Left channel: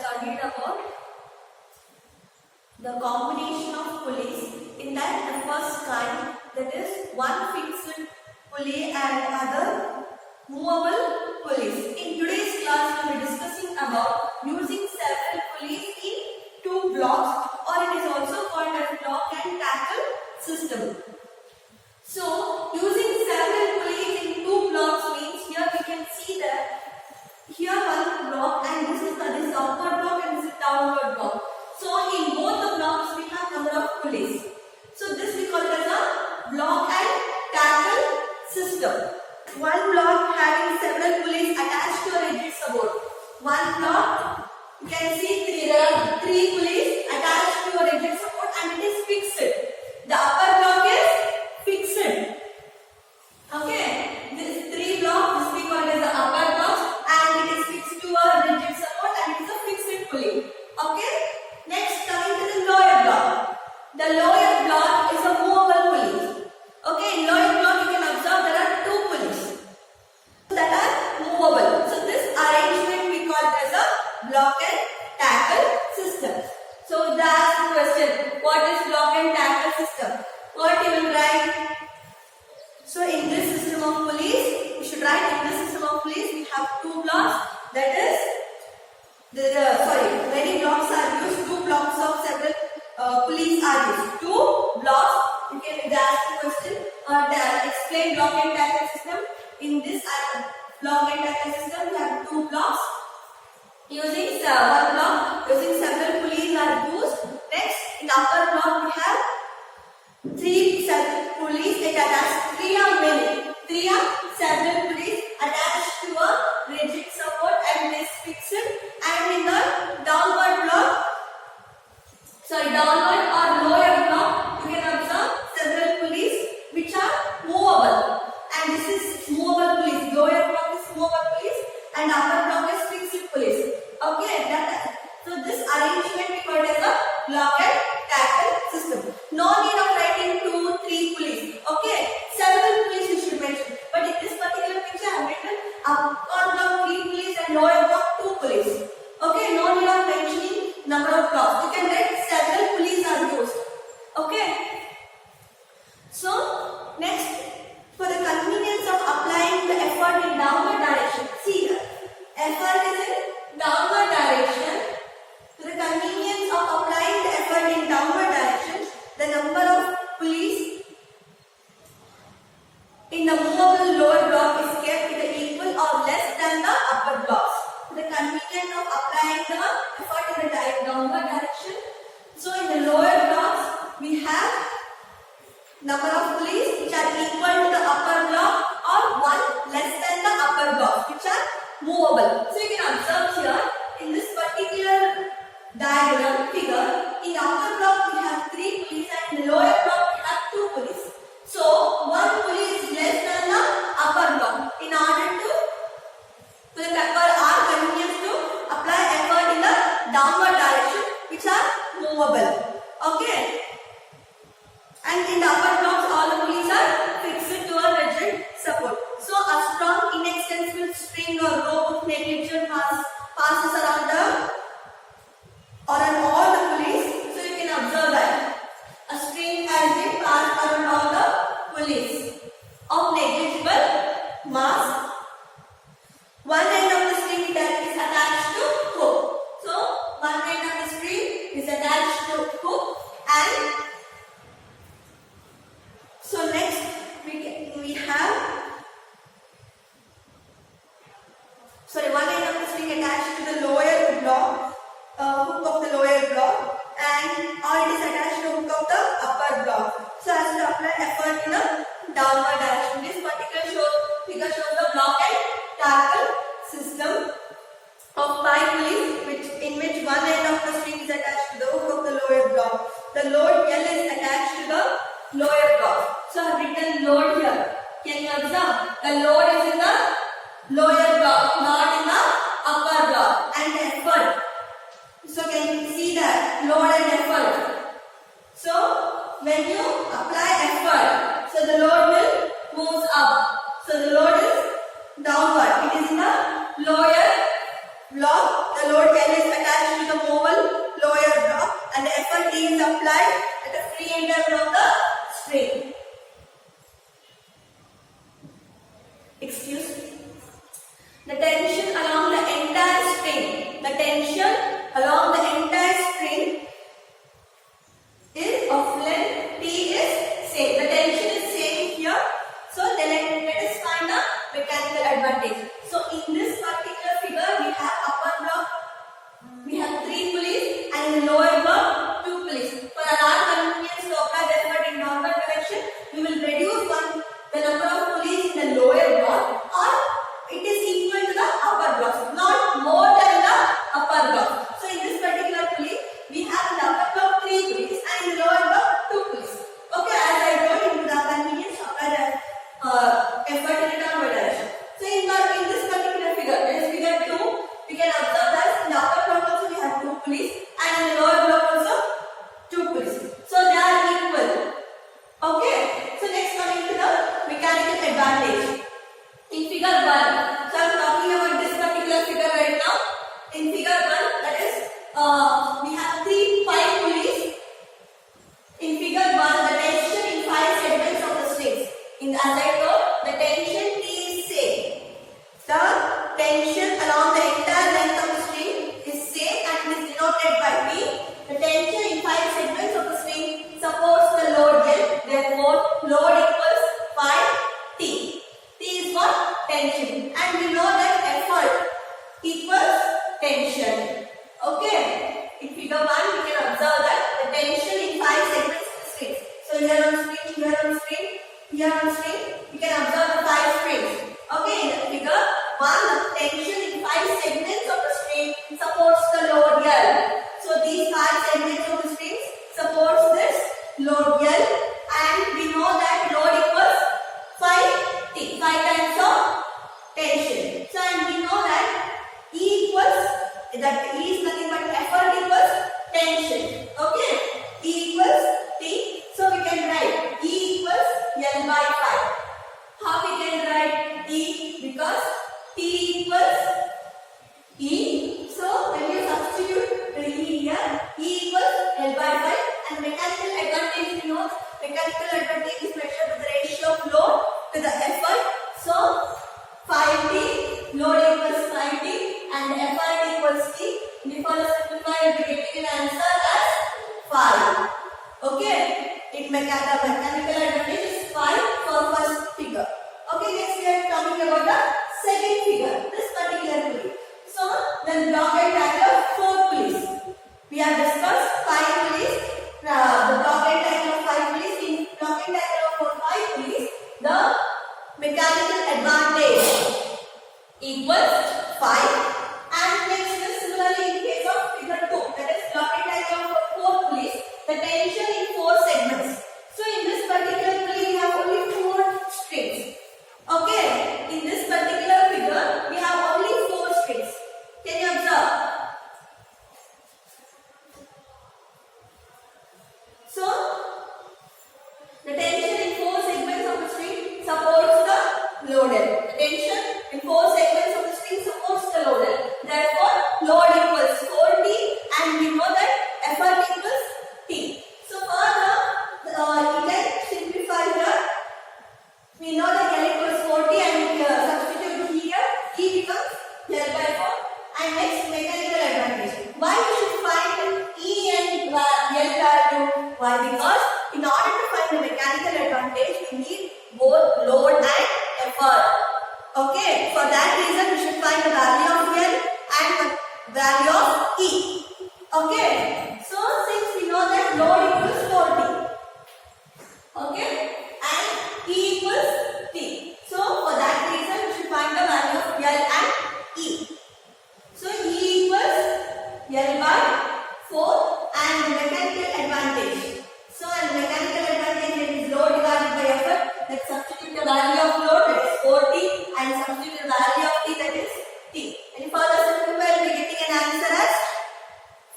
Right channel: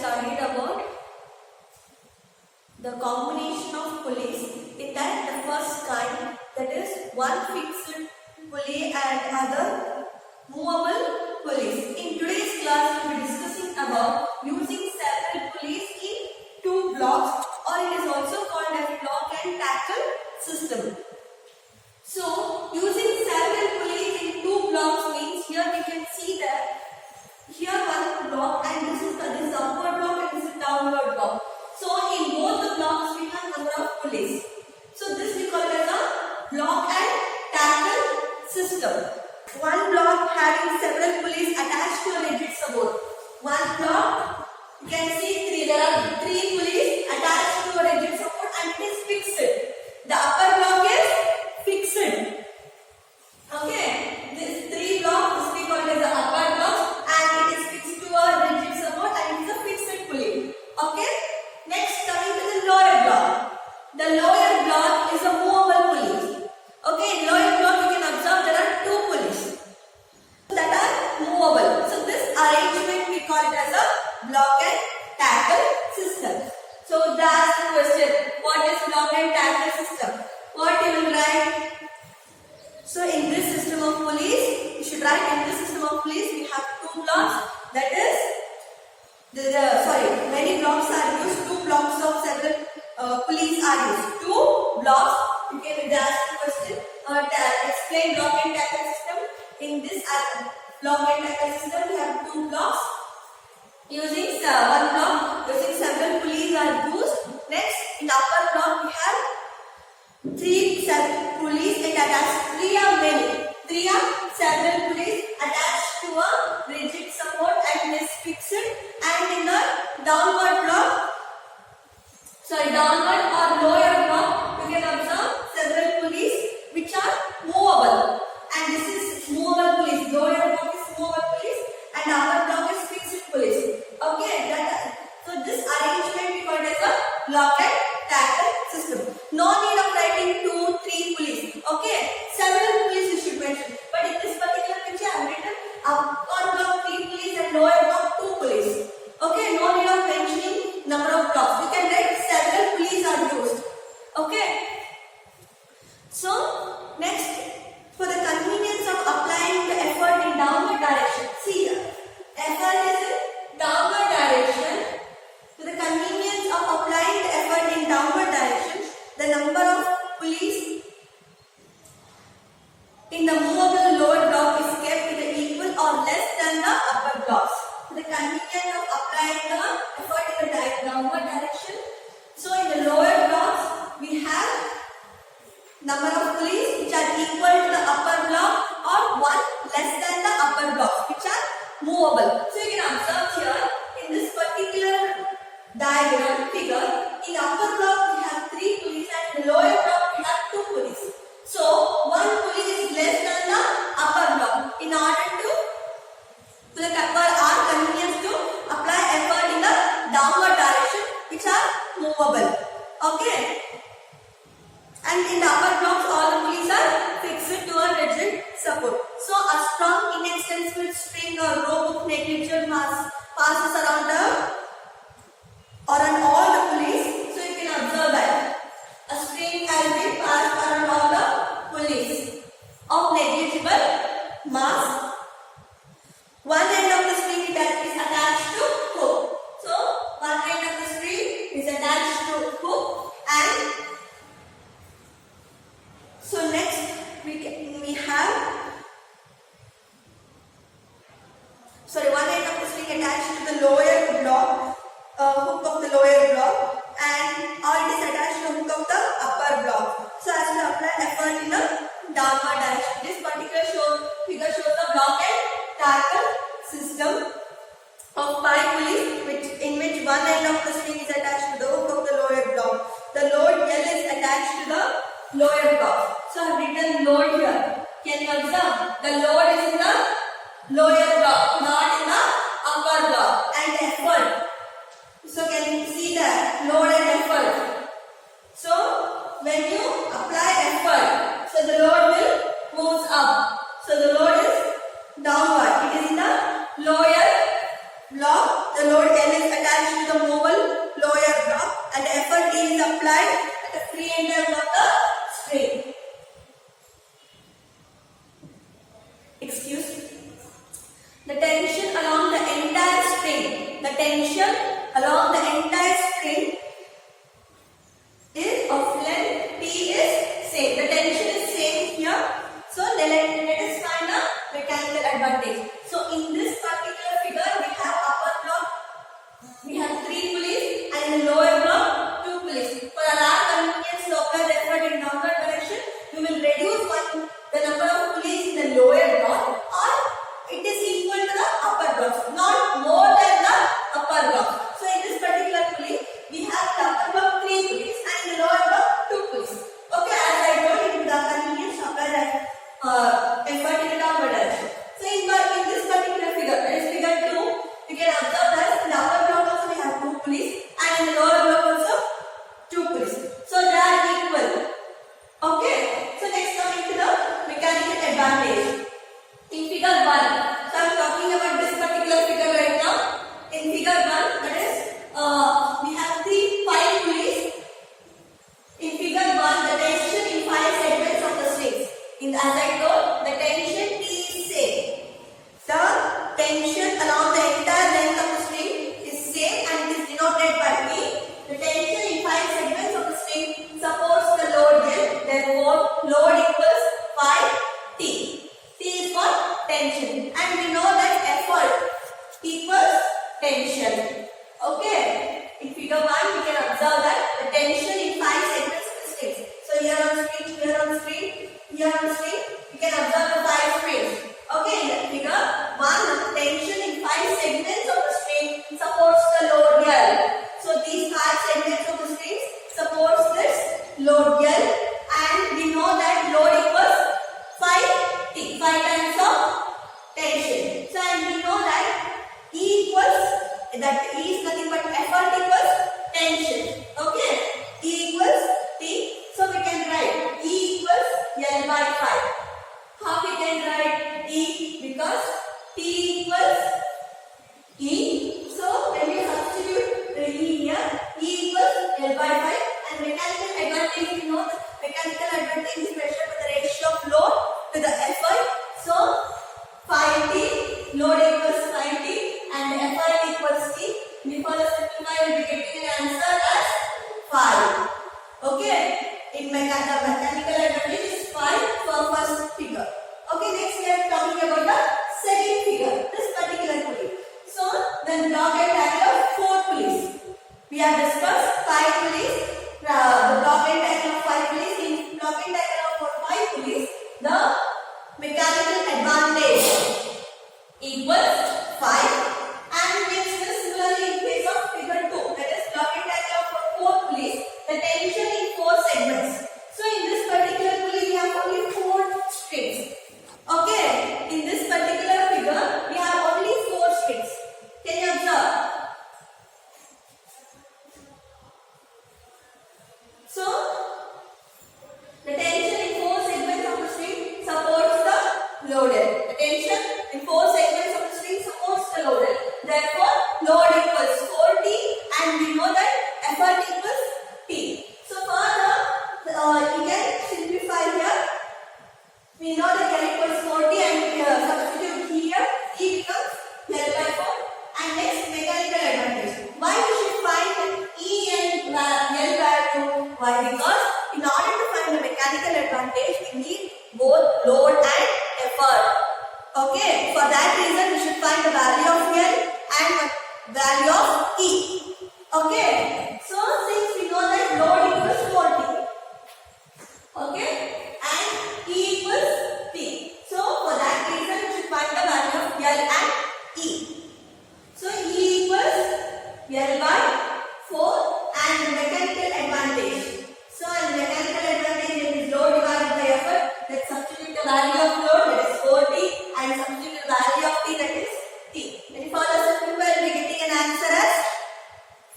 studied about the combination of pulleys. In that, the first kind, that is one fixed pulley and other movable pulleys. In today's class, we will be discussing about using several pulleys in two blocks, or it is also called as block and tackle system. So, using several pulleys in two blocks means here we can see that here one block and this is the upward block and this is downward block. So, in both the blocks we have number of pulleys. So, this we call it as a block and tackle system. One block having several pulleys attached to a rigid support. One block, you can see there are three pulleys attached to a rigid support and it is fixed. The upper block is fixed. Okay, this three block, this we call it as the upper block and it is fixed to a rigid support and it is a fixed pulley. Okay, next coming to the lower block. The lower block is a movable pulley. Okay, in lower block you can observe there are two pulleys that are movable. So this arrangement we call it as a block and tackle system. So they ask the question, what is block and tackle system? What you will write? So in this system of pulleys, you should write in this system of pulleys we have two blocks. That is, many blocks are used. Two blocks of several pulleys are used. Two blocks. You can ask the question. Explain block and tackle system. In this block and tackle system, we have two blocks. Using one block, using several pulleys are used. Next, in the upper block, we have three pulleys. It attached three are several pulleys attached to a rigid support and it is fixed. And in the downward or lower block, you can observe several pulleys which are movable. And this is movable pulleys. Lower block is movable pulleys and upper block is fixed pulleys. Okay, so this arrangement we call it as a block and tackle system. No need of writing 2, 3 pulleys. Okay, several pulleys you should mention. But in this particular picture, I have written upper block 3 pulleys and lower block 2 pulleys. Okay, no need of mentioning number of blocks. You can write several pulleys are used. Okay. So next, for the convenience of applying the effort in downward direction. See here, effort is in downward direction. For the convenience of applying the effort in downward direction, the number of pulleys in the movable lower block is kept either equal or less than the upper blocks. For the convenience of applying the effort in the downward direction, so in the lower blocks we have number of pulleys which are equal to the upper block or one less than the upper block which are movable. So you can observe here in this particular diagram figure, in the upper block we have 3 pulleys and in the lower block we have 2 pulleys. So one pulley is less than the upper block. In order to our convenience to apply effort in the downward direction which are movable. Okay. And in the upper blocks, all the pulleys are fixed to a rigid support. So a strong inextensible spring or rope of negligible mass passes around on all the pulleys. So you can observe that a string has been passed around all the pulleys of negligible mass. One end of the string that is attached to hook. So one end of the string is attached to hook and so next we have one end of the string attached to the lower block, hook of the lower block, and it is attached to the hook of the upper block. So as to apply effort in the downward direction. This particular figure shows the block and tackle system of 5 pulleys in which one end of the string is attached to the hook of the lower block. The load L is attached to the lower block. So I have written load here. Can you observe? The load is in the lower block, not in the upper block. And the effort. So can you see that? Load and effort. So when you apply effort, so the load will move up. So the load is downward. It is in the lower block. The load L is attached is applied at the free end of the string. Excuse me. The tension along the entire string. The tension along the entire string is of length T is same. The tension is same here. So let us find a mechanical advantage. So in this particular figure we have upper block, we have 3 pulleys, and in the lower block 2 pulleys. For the large convenience to apply the effort in downward direction, we will reduce the number of pulleys in the lower block, or it is equal to the upper block, not more than the upper block. So in this particular pulley, we have in the upper block 3 pulleys and in the lower block 2 pulleys. Okay, as I told you, the convenience to apply the effort in the downward direction. So in this particular figure, that is figure 2, we can observe that in the upper block also we have 2 pulleys and in the lower block also 2 pulleys. So they are equal. Okay, so next coming to the mechanical advantage. In figure 1, so I am talking about this particular figure right now. In figure 1, that is, we have 5 pulleys. In figure 1, the tension in 5 segments of the strings. As I told, the tension T is same. The tension along the entire length of the string is same and it is denoted by T. The tension in 5 segments of the string supports the load L. Therefore, load equals 5T. T is what? Tension. And we know that effort equals tension. Okay. In figure 1, we can observe that the tension in 5 segments of the strings. So here on screen, here on screen, here on screen, we can observe the 5 strings. Okay. In figure 1, the tension in 5 segments of the string supports the load L. So these 5 segments of the strings supports this load L, and we know that load equals 5T, 5 times of tension. So and we know that E equals, that E is nothing but effort equals tension. Okay, E equals T. So we can write E equals L by 5. How we can write E? Because T equals E. So when you substitute the E here, E equals L by 5, and mechanical advantage, you know, mechanical advantage is measured by the ratio of load to the effort. So 5T, load equals 5T and effort equals T. We further simplify, we will be getting an answer as 5. Okay, in mechanical advantage is 5 for first figure. Okay, next we are talking about the second figure, this particular pulley. So the block and diagram of 4 pulleys. We have discussed 5 pulleys. The block and diagram of 5 pulleys. In block and diagram for 5 pulleys, the mechanical advantage equals 5. And next is similarly in case of figure 2, that is block and diagram for 4 pulleys, the tension in 4 segments. So in this particular pulley we have only 4 strings. Okay, in this particular figure we have only 4 strings. Can you observe? So the tension in 4 segments of the string supports the loaded. The tension in 4 segments of the string supports the loaded. Therefore, load equals 4T, and we know that effort equals T. So further, you can simplify here. We know that L equals 40 and substitute here, E becomes L by 4. And next, mechanical advantage. Why we should find E and L value? Why? Because in order to find the mechanical advantage, we need both load and effort. Okay, for that reason, we should find the value of L and value of E. Okay, so since we know that load equals 40, okay, and E equals T. So for that reason, we should find the value of L and E. So E equals L by 4 and the mechanical advantage. So and mechanical advantage is load divided by effort. Let's substitute the value of load, that is 4T, and substitute the value of T, that is T. And if further simplify, we will be getting an answer as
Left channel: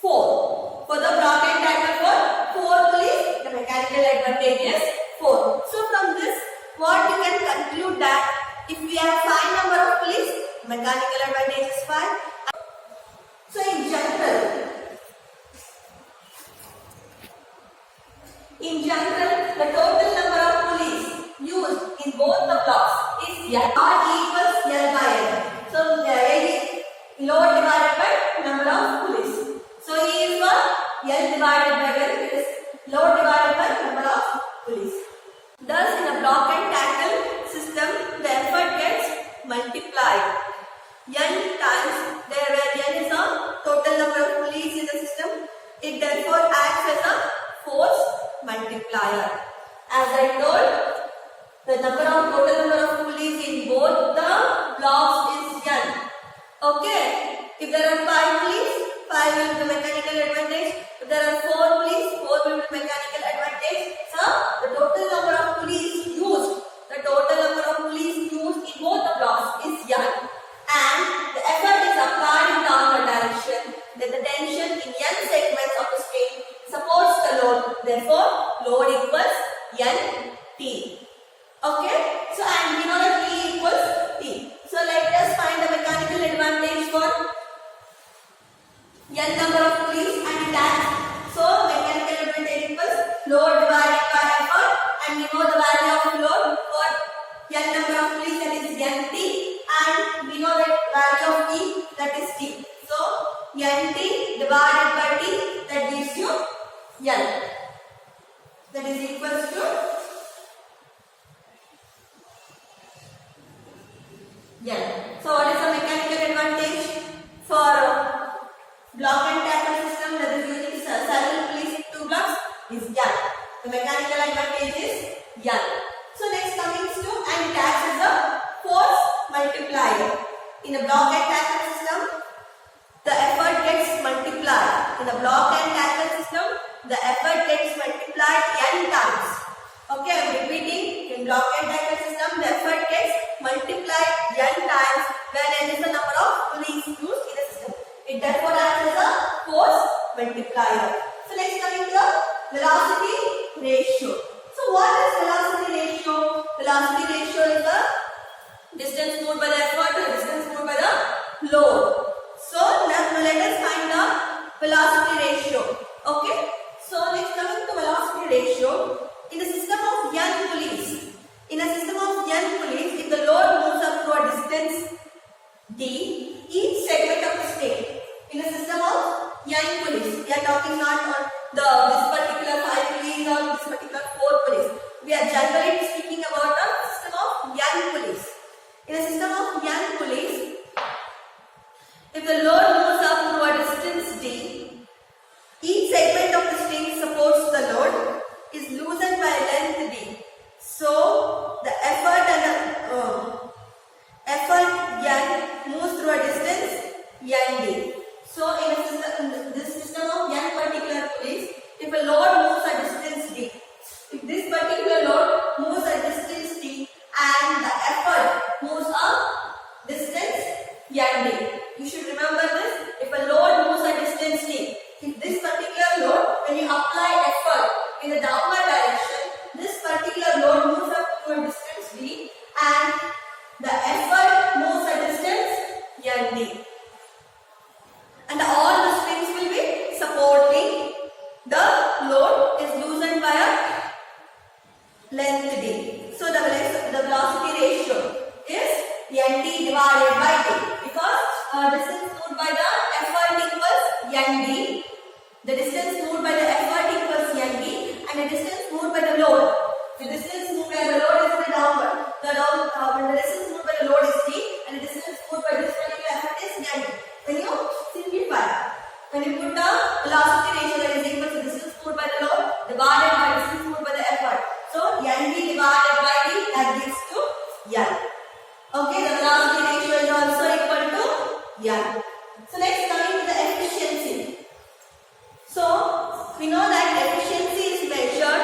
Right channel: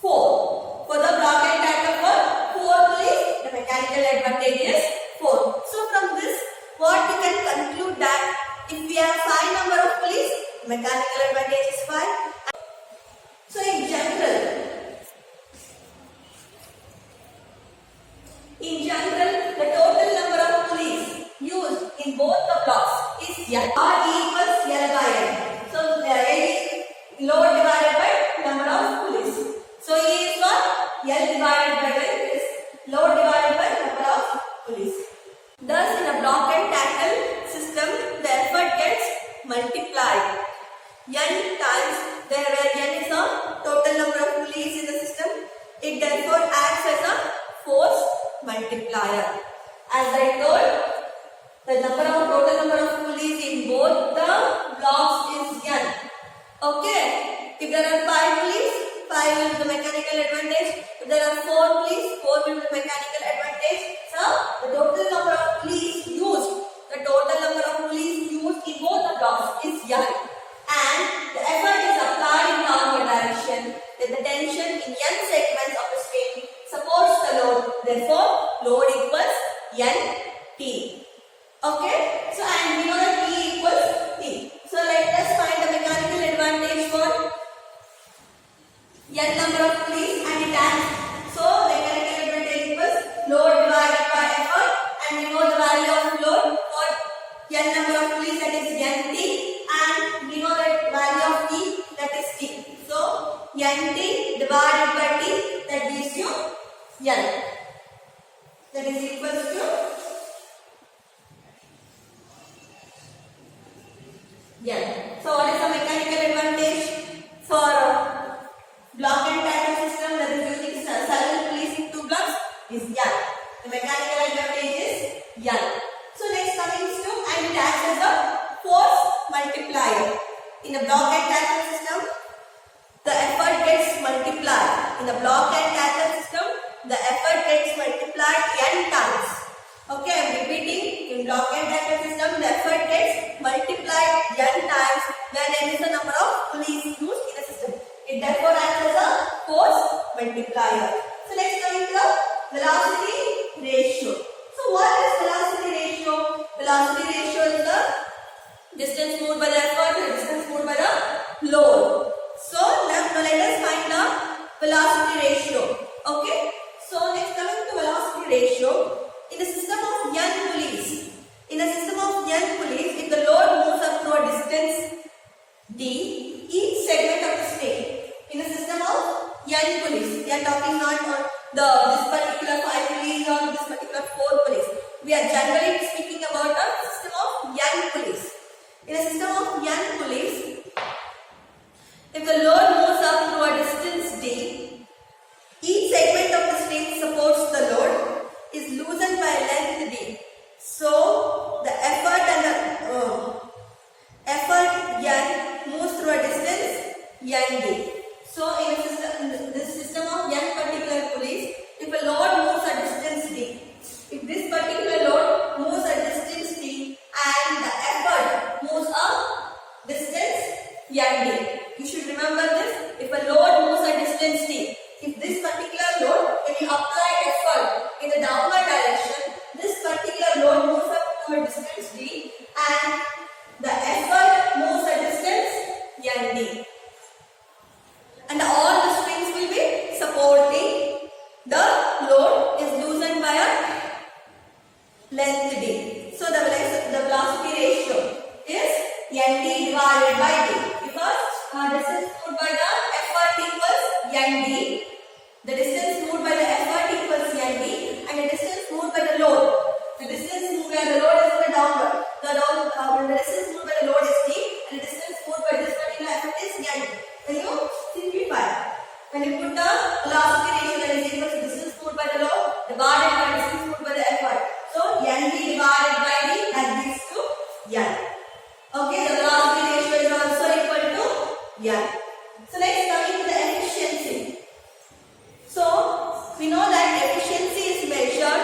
4. For the block and diagram for 4 pulleys, the mechanical advantage is 4. I told, the total number of pulleys in both the blocks is n. Okay. If there are 5 pulleys, 5 will be the mechanical advantage. If there are 4 pulleys, 4 will be the mechanical advantage. So the total number of pulleys used, in both the blocks is n, and the effort is applied in downward direction. Then the tension in n segments of the string supports the load. Therefore, load equals Nt. Okay. So and we know that P equals T. So let us find the mechanical advantage for n number of pulleys and it has. So mechanical advantage equals load divided by effort, and we know the value of load for n number of pulleys, that is Nt, and we know that value of T, that is T. So Nt divided by T, that gives you n. That is equals to n. So what is the mechanical advantage for block and tackle system that is using single pulleys in 2 blocks is n. The mechanical advantage is n. So next coming to, and it acts as a force multiplier. In a block and tackle system, the effort gets multiplied. In the block and tackle system, the effort gets multiplied n times. Okay, I am repeating. In block and tackle system, the effort gets multiplied n times when n is the number of pulleys used in a system. It therefore acts as a force multiplier. So next coming to the velocity ratio. So what is velocity ratio? Velocity ratio is the distance moved by the effort, the distance moved by the load. So let us find the velocity ratio. Okay. So next coming to velocity ratio, in a system of n pulleys, if the load moves up to a distance d, each segment of the string, in a system of n pulleys, we are talking not on this particular 5 pulleys or this particular 4 pulleys. We are generally speaking about a system of n pulleys. In a system of n pulleys, if the load moves up to a distance d, each segment of the string supports the load is loosened by length d. So the effort and the effort n moves through a distance nd. So in this system of n particular pulleys, if a load moves a distance d, if this particular load moves a distance d and the effort moves a distance nd, you should remember this. If a load moves a distance d, if this particular load, when you apply effort in the downward direction, this particular load moves up to a distance d and the effort moves a distance nd. And all the springs will be supporting. The load is loosened by a length d. So the velocity ratio is nd divided by d, because distance moved by the effort equals nd. The distance moved by the effort equals nd, and the distance moved by the load. The distance moved by the load is in the downward. When the distance moved by the load is d, and the distance moved by this particular effort is nd. When you simplify, when you put the velocity ratio, that is equal to distance moved by the load divided by distance moved by the effort. So nd divided by d, that gives to n. Okay, the velocity ratio is also equal to n. So next coming to the efficiency. So we know that efficiency is measured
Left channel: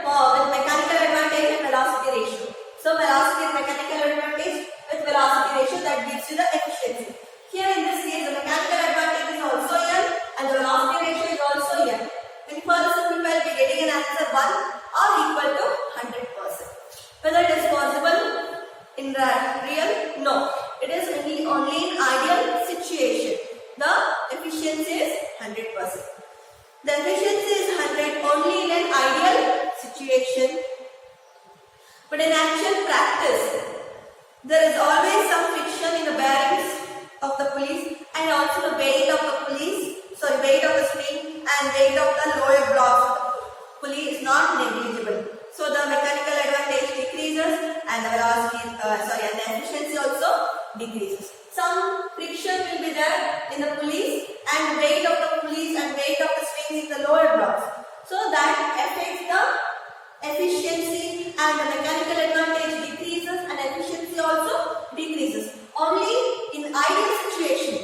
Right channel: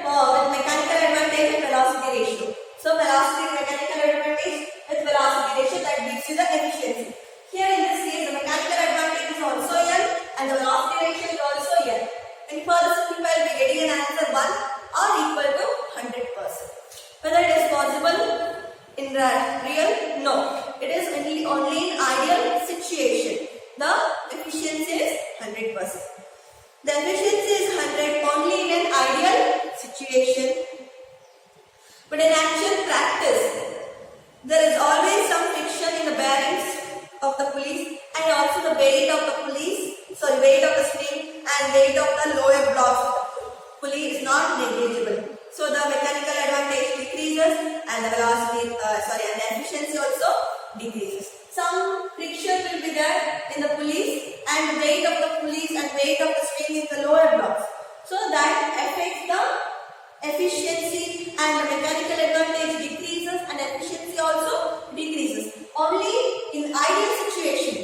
with mechanical advantage and velocity ratio. So velocity is mechanical advantage with velocity ratio, that gives you the efficiency. Here in this case, the mechanical advantage is also n and the velocity ratio is also n. When you further simplify, you will be getting an answer 1 or equal to 100%. Whether it is possible in the real? No. It is only in ideal situation. The efficiency is 100%. The efficiency is 100 only in an ideal situation. But in actual practice, there is always some friction in the bearings of the pulleys, and also the weight of the spring and weight of the lower blocks of the pulley is not negligible. So the mechanical advantage decreases and the velocity, and the efficiency also decreases. Some friction will be there in the pulleys, and weight of the pulleys and weight of the springs in the lower blocks. So that that affects the efficiency, and the mechanical advantage decreases and efficiency also decreases. Only in ideal situation,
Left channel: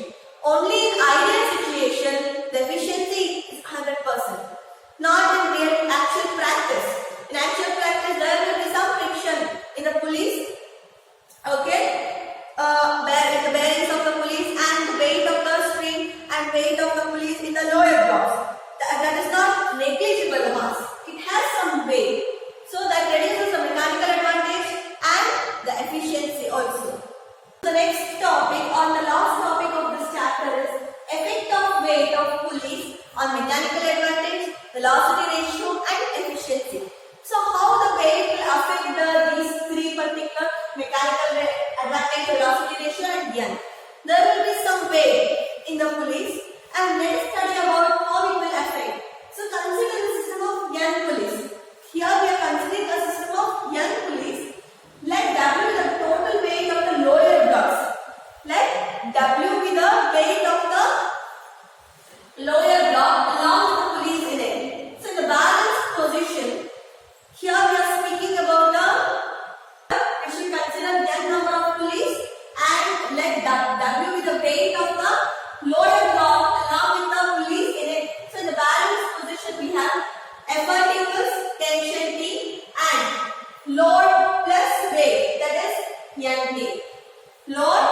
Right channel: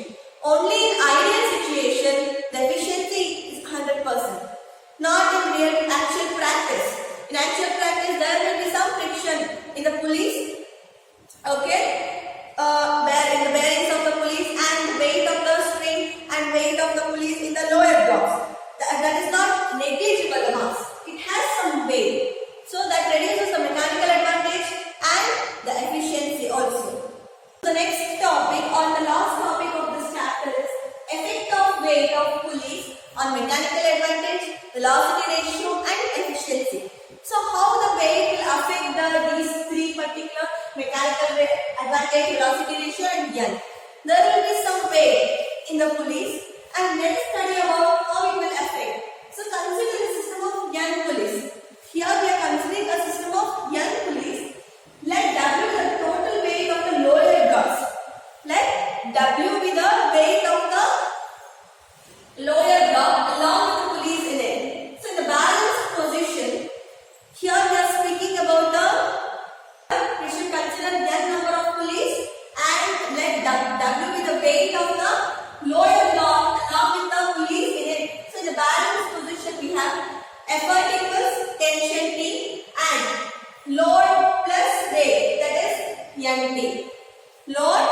the efficiency is 100%. Not in real actual practice. In actual practice, there will be some friction in the pulleys, okay, in the bearings of the pulleys, and the weight of the string and weight of the pulleys in the lower blocks. That is not negligible mass. It has some weight. So that reduces the mechanical advantage and the efficiency also. The next topic, or the last topic of this chapter, is effect of weight of pulleys on mechanical advantage, velocity ratio and efficiency. So how the weight will affect these three particular mechanical advantage, velocity ratio and N. There will be some weight in the pulleys, and let's study about how it will affect. So consider the system of N pulleys. Here we are considering a system of N pulleys. Let W be the total weight of the lower blocks. Let W be the weight of the lower block along with the pulleys in it. So in the balanced position, here we are speaking about we should consider n number of pulleys, and let W be the weight of the lower block along with the pulleys in it. So in the balanced position, we have effort equals tension T and load plus weight, that is NT. Load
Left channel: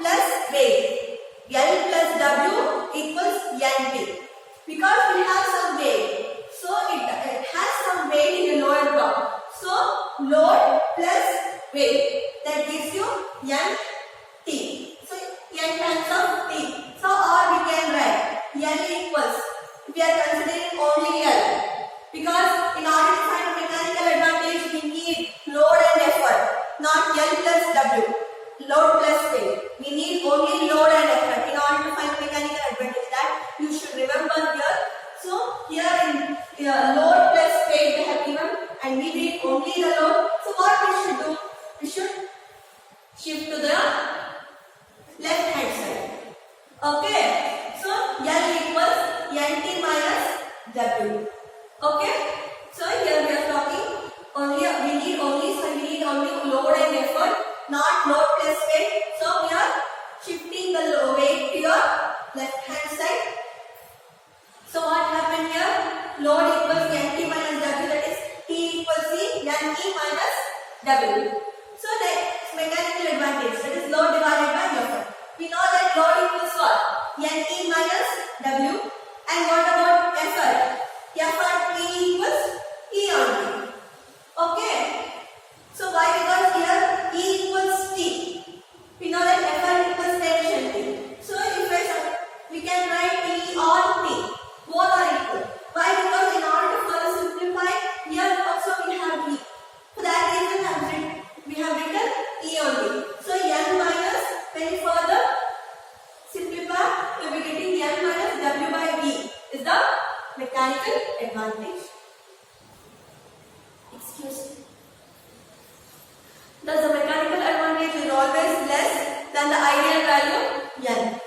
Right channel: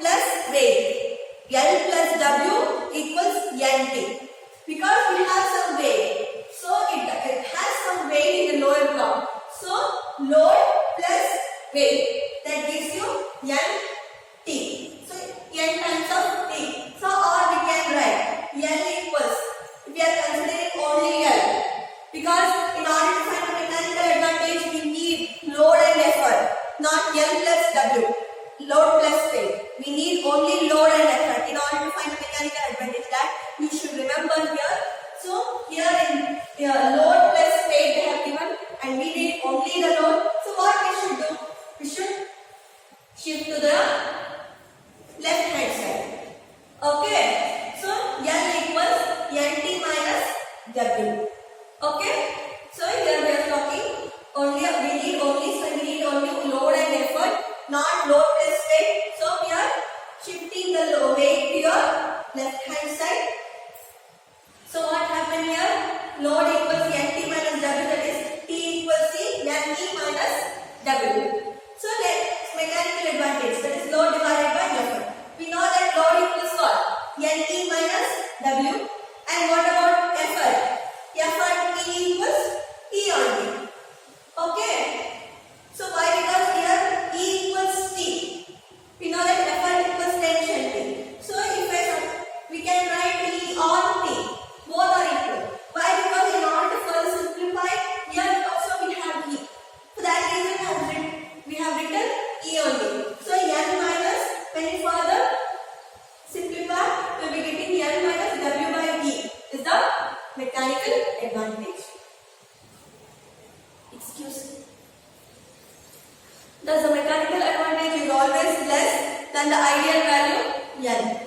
plus weight, L plus W equals NT. Because we have some weight, so it has some weight in the lower block. So load plus weight, that gives you NT. So N times of T. So or we can write L equals, if we are considering only L, because in order to find the mechanical advantage we need load and effort, not L plus W, load plus weight. We need only load and effort in order to find the mechanical advantage. That you should remember here. So here in load plus weight they have given, and we need only the load. So what we should do? We should shift to the left hand side. Okay. So L equals NT minus W. Okay. So here we are talking we need only load and effort, not load plus weight. So we are shifting the weight to your left hand side. So what happened here? Load equals NT minus W, that is T equals C, NT minus W. So next mechanical advantage, that is load divided by effort. We know that load equals what? NT minus W. And what about effort? Effort T equals E only. Okay. So why? Because here E equals T. We know that effort equals tension T. So if we can write E on T. Both are equal. Why? Because in order to further simplify, here also we have E. For that reason we have written E only. So N minus, when we further simplify, we will be getting N minus W by E is the mechanical advantage. Excuse me. Thus the mechanical advantage is always less than the ideal value N.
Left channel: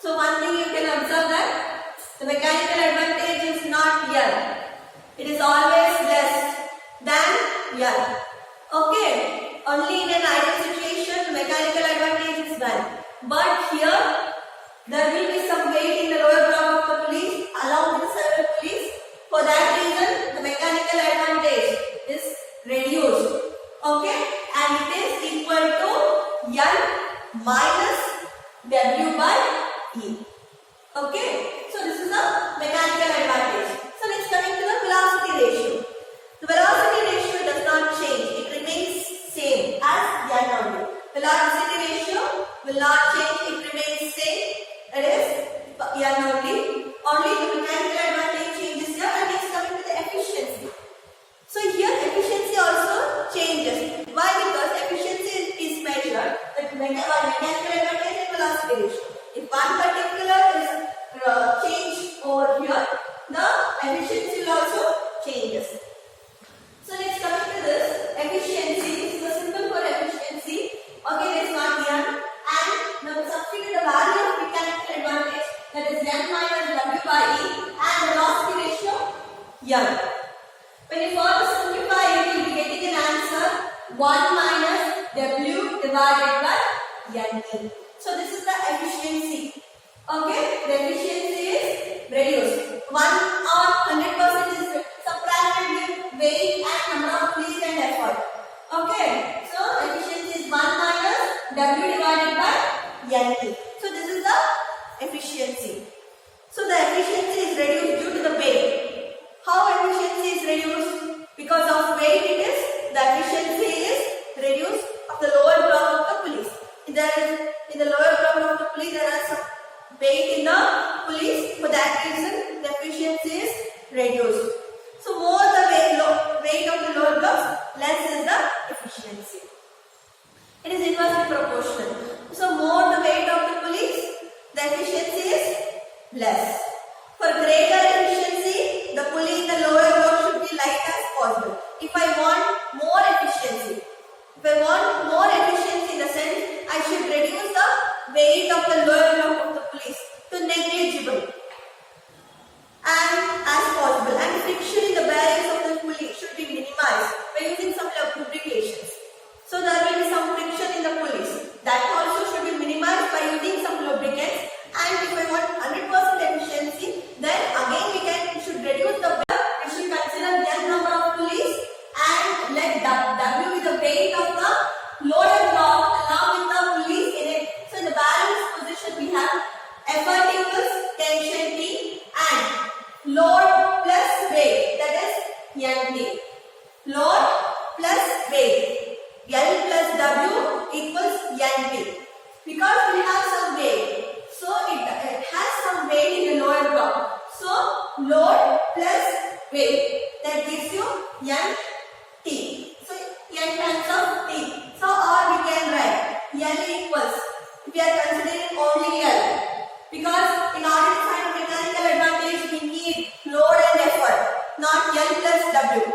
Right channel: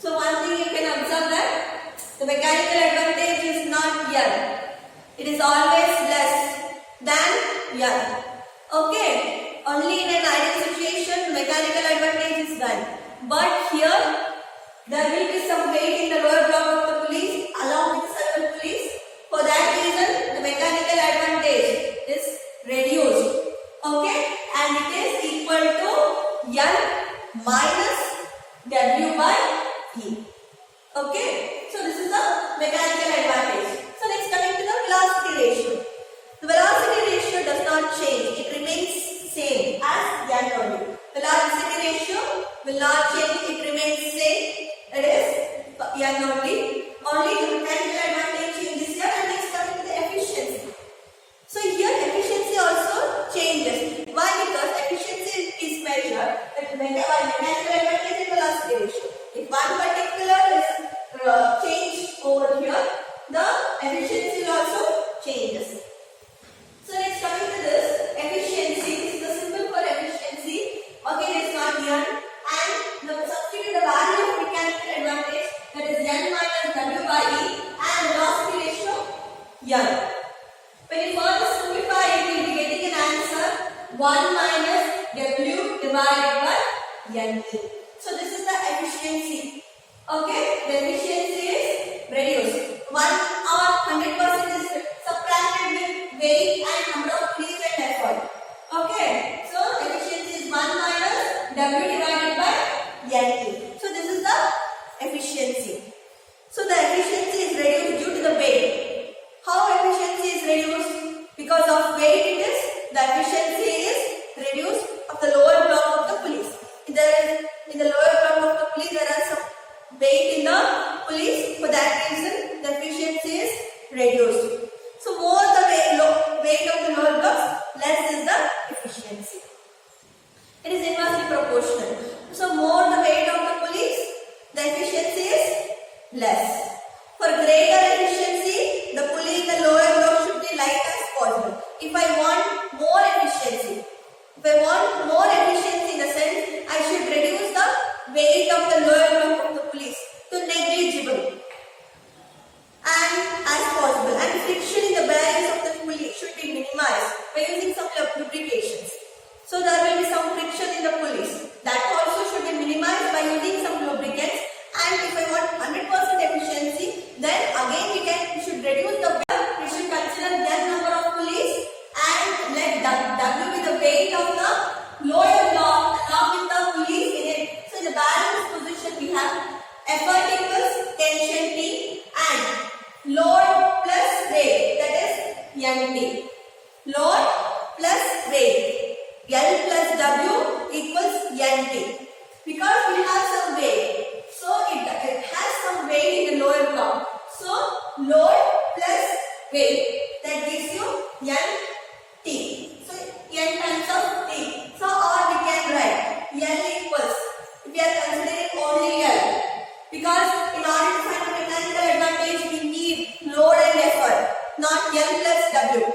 So one thing you can observe that the mechanical advantage is not N. It is always less than N. Okay. Only in an ideal situation mechanical advantage is 1. But here there will be some weight in the lower block of the pulleys along with the several pulleys. For that reason the mechanical advantage is reduced. Okay. And it is equal to N minus W by E. Okay. So this is the mechanical advantage. So next coming to the velocity ratio. The velocity ratio does not change. It remains same as N only. Velocity ratio will not change. It remains same. It is N only. Only the mechanical advantage changes here. And next coming to the efficiency. So here efficiency also changes. Why? Because efficiency is measured by mechanical advantage and velocity ratio. If one particular is changed over here, the efficiency will also changes. So next coming to this efficiency, this is the symbol for efficiency. Okay, it is not N, and the substitute the value of mechanical advantage, that is N minus W by E, and velocity ratio N. When you further simplify it, you will be getting an answer 1 minus W divided by NT. So this is the efficiency. Okay, the efficiency is reduced. 1 or 100% is subtracted with weight and number of pulleys and effort. Okay, so efficiency is 1 minus W divided by NT. So this is the efficiency. So the efficiency is reduced due to the weight. How efficiency is reduced? Because of weight it is, the efficiency is reduced of the lower block of the pulleys. In the lower block of the pulley there are some weight in the pulleys. For that reason the efficiency is reduced. So more the weight of the lower blocks, less is the efficiency. It is inversely proportional. So more the weight of the pulleys, the efficiency is less. For greater efficiency, the pulley in the lower block should be light as possible. If I want more efficiency, in the sense, I should reduce the weight of the lower block of the pulleys to negligible and as possible. And friction in the bearings of the pulley should be minimized by using some lubrications. So there will be some friction in the pulleys. That also should be minimized by using some lubricants. And if I want 100% efficiency, then again we should reduce the weight. We should consider n number of pulleys and let W be the weight of the lower block along with the pulleys in it. So in the balance position we have effort equals tension T and load plus weight, that is NT. Load plus weight, L plus W equals NT. Because we have some weight, so it has some weight in the lower block. So load plus weight, that gives you NT. So N times of T. So or we can write L equals, if we are considering only L, because in order to find the mechanical advantage we need load and effort, not L plus W,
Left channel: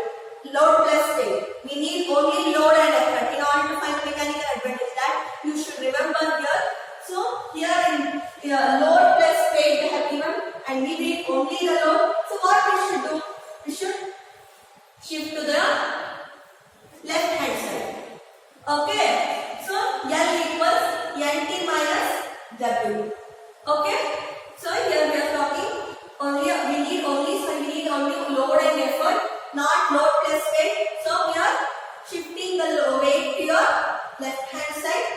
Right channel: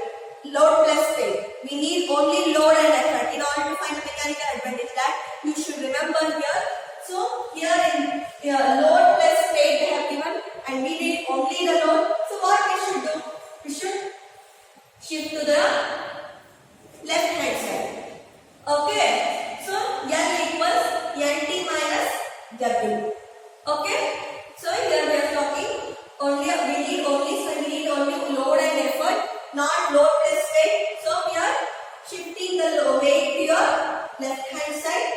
load plus weight. We need only load and effort in order to find the mechanical advantage. That you should remember here. So here in load plus weight they have given and we need only the load. So what we should do? We should shift to the left hand side. Okay. So L equals NT minus W. Okay. So here we are talking we need only load and effort, not load plus weight. So we are shifting the weight to your left hand side.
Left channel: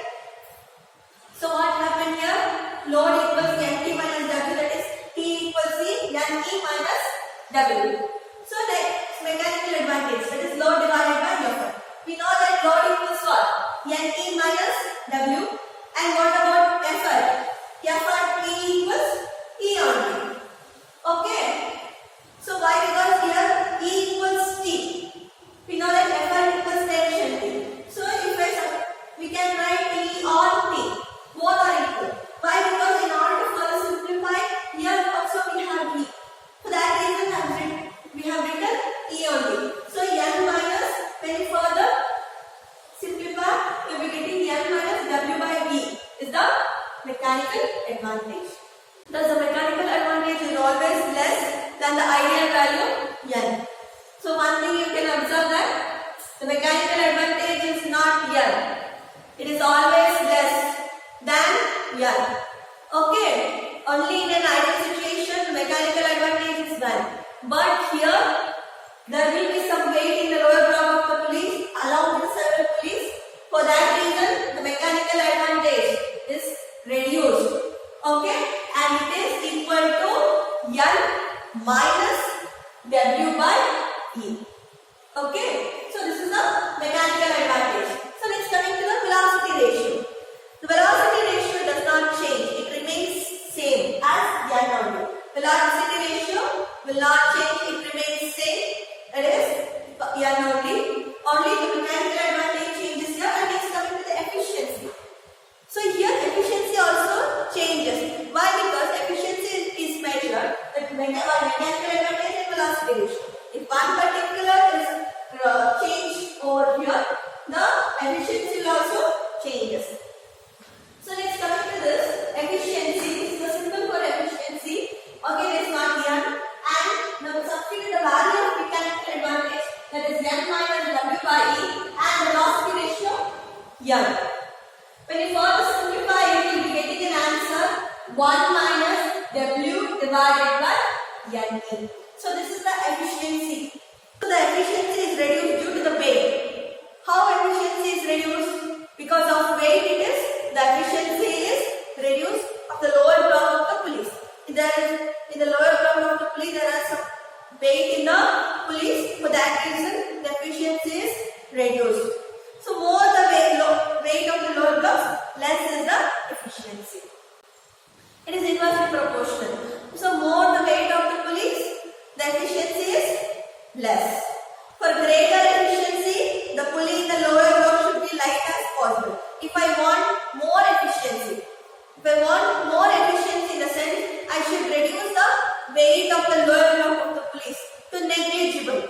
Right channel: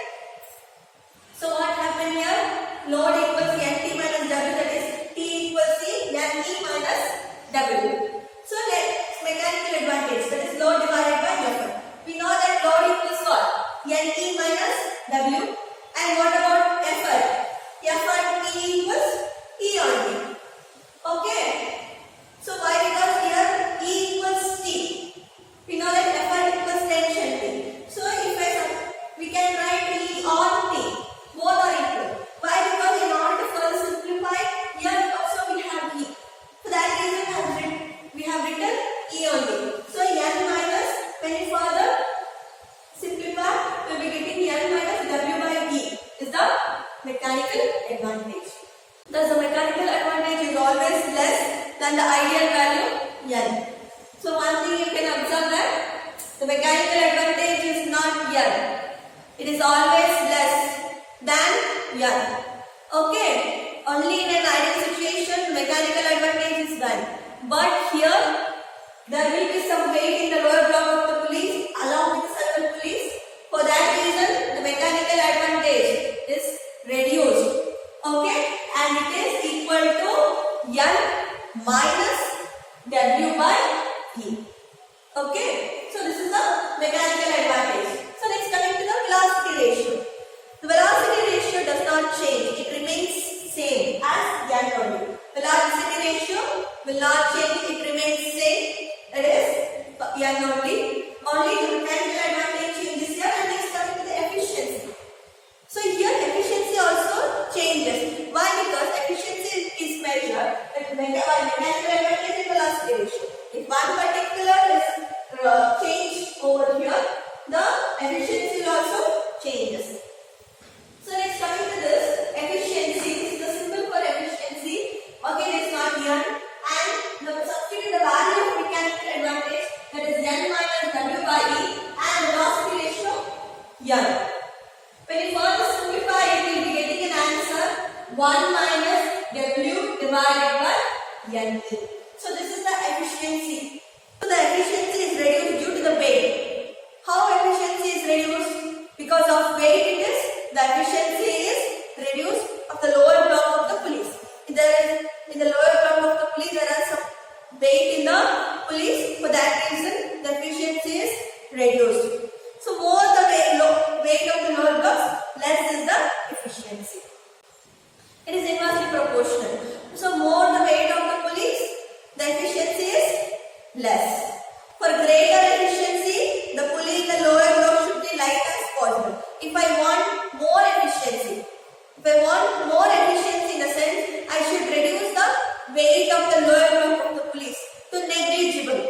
So what happened here? Load equals NT minus W, that is T equals C, NE minus W. So next mechanical advantage, that is load divided by effort. We know that load equals what? NE minus W. And what about effort? Effort T equals E only. Okay. So why? Because here E equals T. We know that effort equals tension T. So if we can write E on T. Both are equal. Why? Because in order to further simplify, here also we have E. For that reason we have written E only. So N minus, when you further simplify, you will be getting N minus W by E is the mechanical advantage. Thus the mechanical advantage is always less than the ideal value N. So one thing you can observe that the mechanical advantage is not N. It is always less than N. Okay. Only in an ideal situation mechanical advantage is 1. But here there will be some weight in the lower block of the pulleys along with the several pulleys. For that reason the mechanical advantage is reduced. Okay. And it is equal to N minus W by E. Okay. So this is the mechanical advantage. So next coming to the velocity ratio. The velocity ratio does not change. It remains same as N only. Velocity ratio will not change. It remains same. That is N only. Only the mechanical advantage changes here. And next coming to the efficiency. So here efficiency also changes. Why? Because efficiency is measured by mechanical advantage and velocity ratio. If one particular is 1 minus W divided by N. So this is the efficiency. So the efficiency is reduced due to the weight. How efficiency is reduced? Because of weight it is, the efficiency is reduced of the lower block of the pulleys. In the lower block of the pulley there are some weight in the pulleys. For that reason the efficiency is reduced. So more the weight of the lower blocks, less is the efficiency. It is inversely proportional. So more the weight of the pulleys, the efficiency is less. For greater efficiency, the pulley in the lower block should be light as possible. If I want more efficiency in the sense, I should reduce the weight of the lower block of the pulleys to negligible.